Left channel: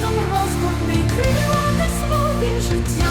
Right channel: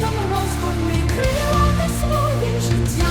серцем розгорни крила ти своє життя,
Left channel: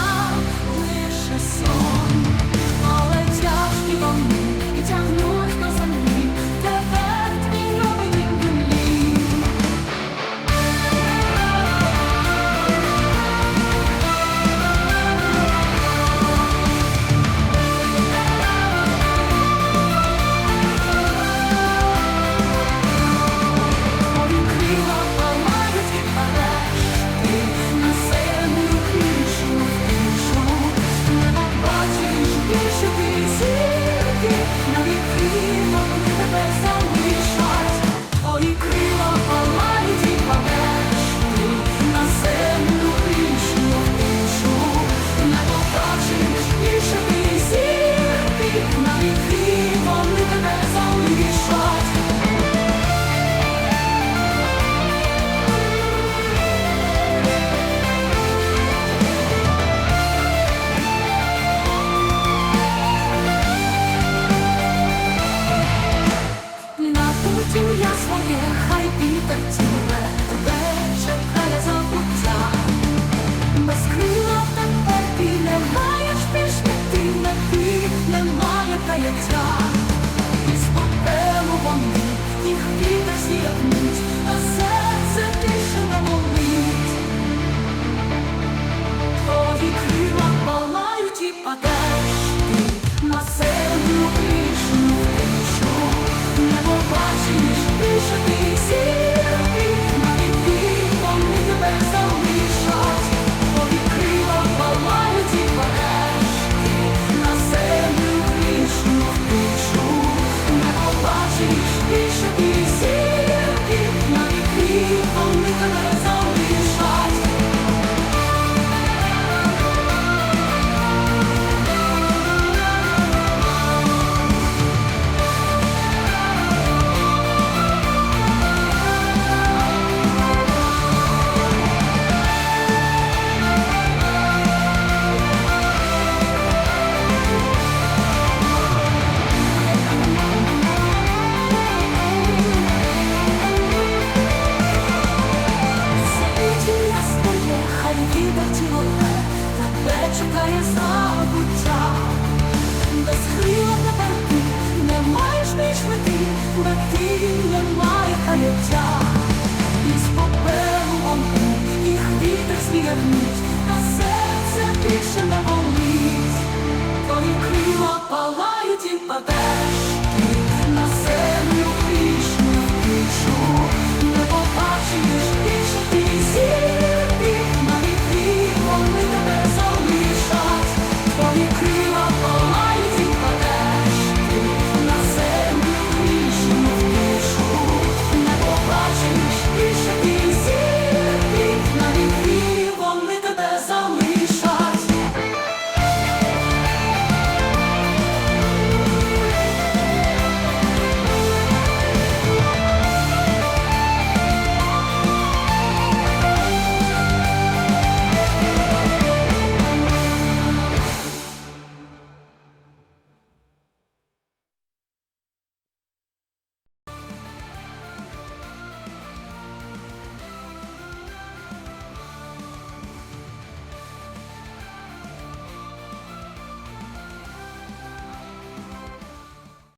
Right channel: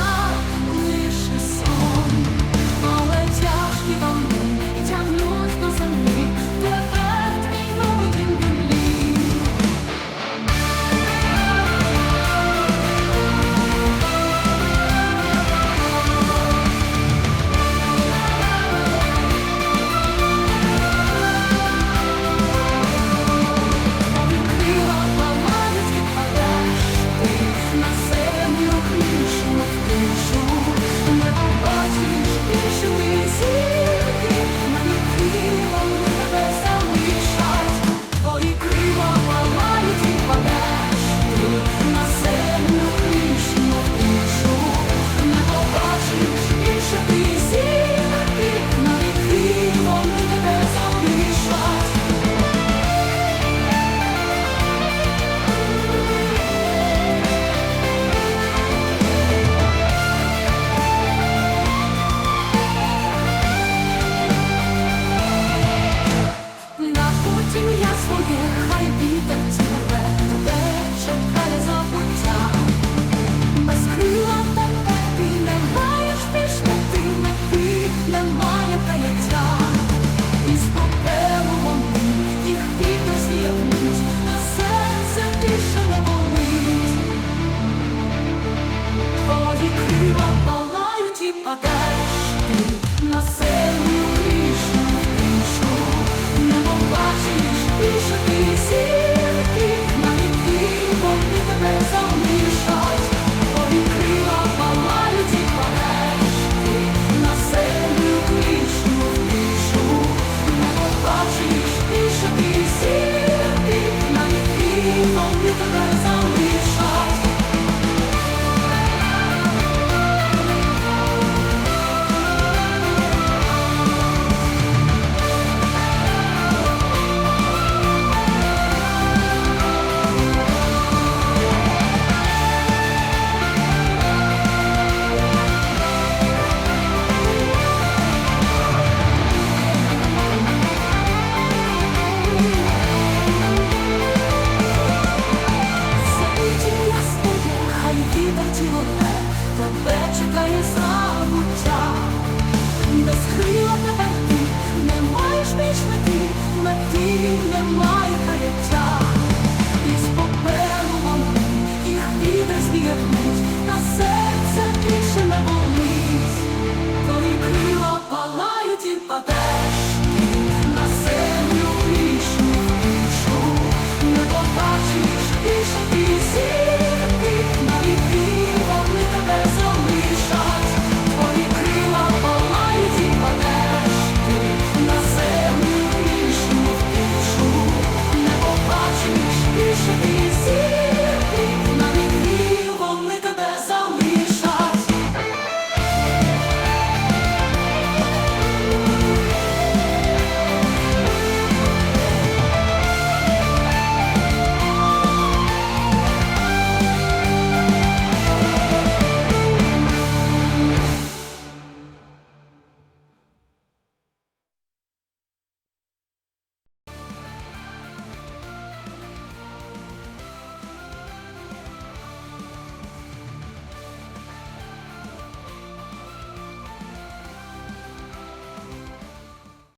більше ти зірки, на віки своє, хай вітер ціле, тебе чекає забуття. Без крила тепер ти не маєш більш мети, мети, немає каяття. Із попелу вони, їх вітер з'єднуть, а серце більше не болить. Твої крила палають і падеш ти на землю кришу, хай вітер тіле, тебе чекає забуття. Без крила тепер ти не маєш більш мети, мети немає каяття. Із попелу вони, їх вітер з'єднуть, на серце більше не болить. Твої крила палають і падеш